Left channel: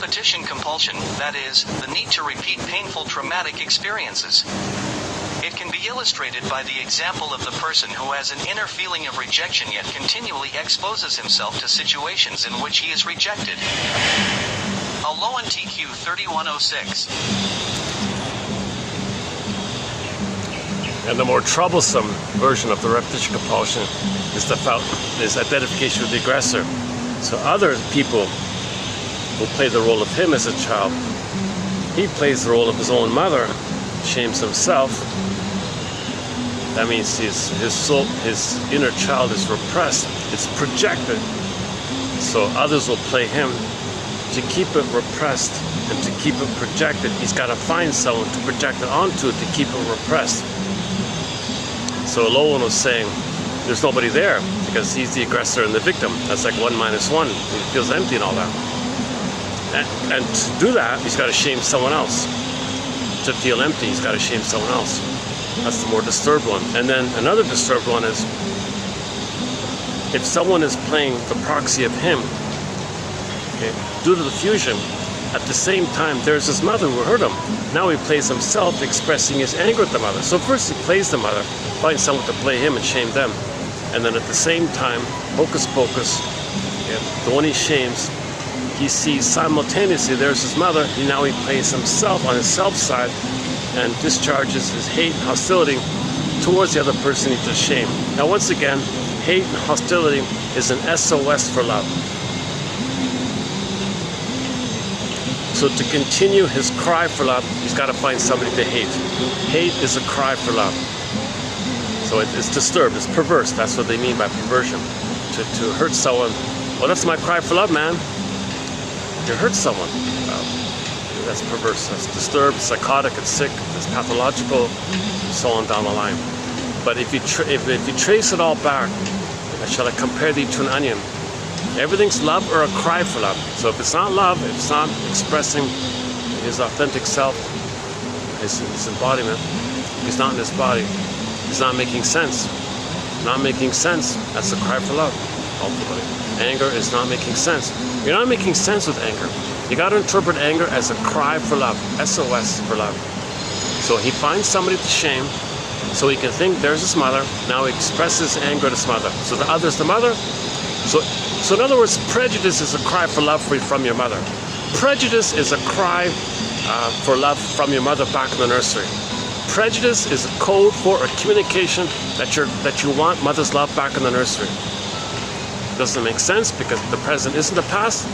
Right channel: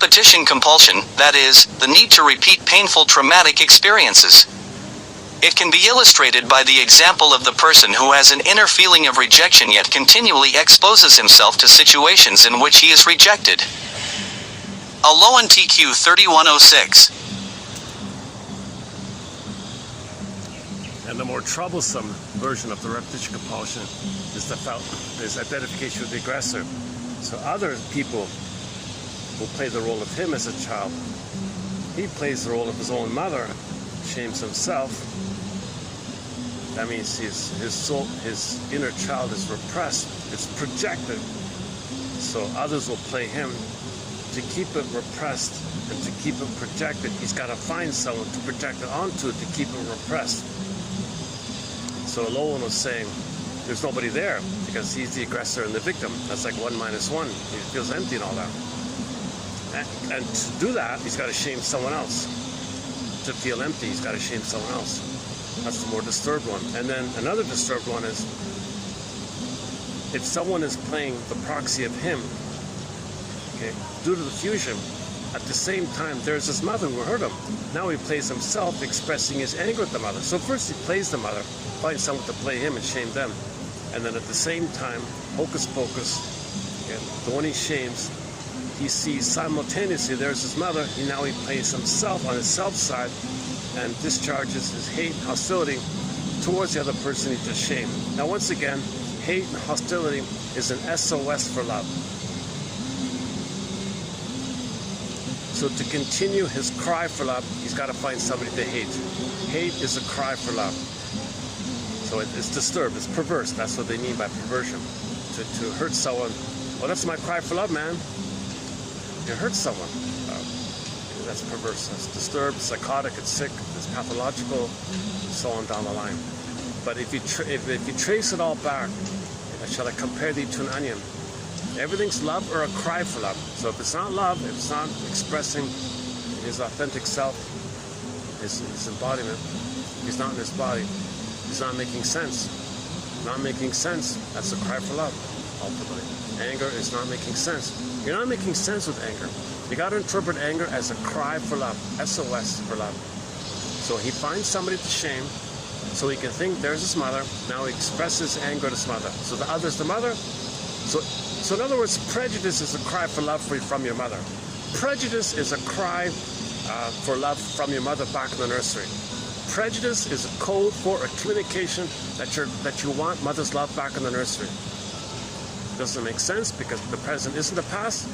repetition compulsion, that is, the need to repeat painful traumatic experiences. It can be illustrated by the example of the person who has an inner feeling of rejection yet continually exposes himself to situations in which he is rejected. Aloan TQ 3106. And the more troublesome version of the repetition compulsion is identification with the aggressor. So other people will play the role of him as a child. He plays the role of his own mother, shames himself. That means his soul, his inner child is repressed. It's projected. So others will play him. To keep it repressed and to keep it projected, he's got to find someone to project it onto to keep it repressed. So Lowen was saying there's nobody there because he's the aggressor and the victim. That's like 1 minus 1. He feels empty and all that. And to do that, he's got to shame someone else. To feel empty, he's got to shame someone else. That's the more disturbed one. And then another disturbed one is if someone is playing the proxy of him, okay, due to the fusion, at the same time there's his mother who hurt him. Now he plays himself, expressing his anger at the mother. So first he plays the mother, finds someone to play him and shame them. And then at the same time, hocus pocus, okay, the one he shames, he sees simultaneously there's his mother. Now he plays himself on his self side and discharges his hate and hostility towards the other person he just shamed. Now once again, hate and hostility is an SOS for love. So to continue his cry for love, he's got to find somebody to hate. Hate is a cry for love. So it's disturbed, it's perverse. That's what they mean by perversion. To hurt someone, well, that's my cry for love, man. To hurt someone, that's perverse, that's disturbed, it's psychotic, it's sick, it's pathological, so on down the line. But if you trace it all back, shall I compare thee to an onion? Everything's love or a cry for love. So if it's not love, if it's not expressing his authentic self, his embodiment, if he's not in his body, he's not making sense. Not making sense, that's a cry for love, ultimately. Anger is not making sense. You're not making sense with anger. You got to interpret anger as a cry for love, SOS for love. So he finds somebody to shame, so he can think there's his mother. Now he expresses anger at his mother. So the other's the mother. So in other words, prejudice is a cry for love from your mother. Prejudice is a cry for love from your mother back in the nursery. Prejudice is a code for a communication that you want mother's love back in the nursery. Doesn't make sense because the present isn't the past.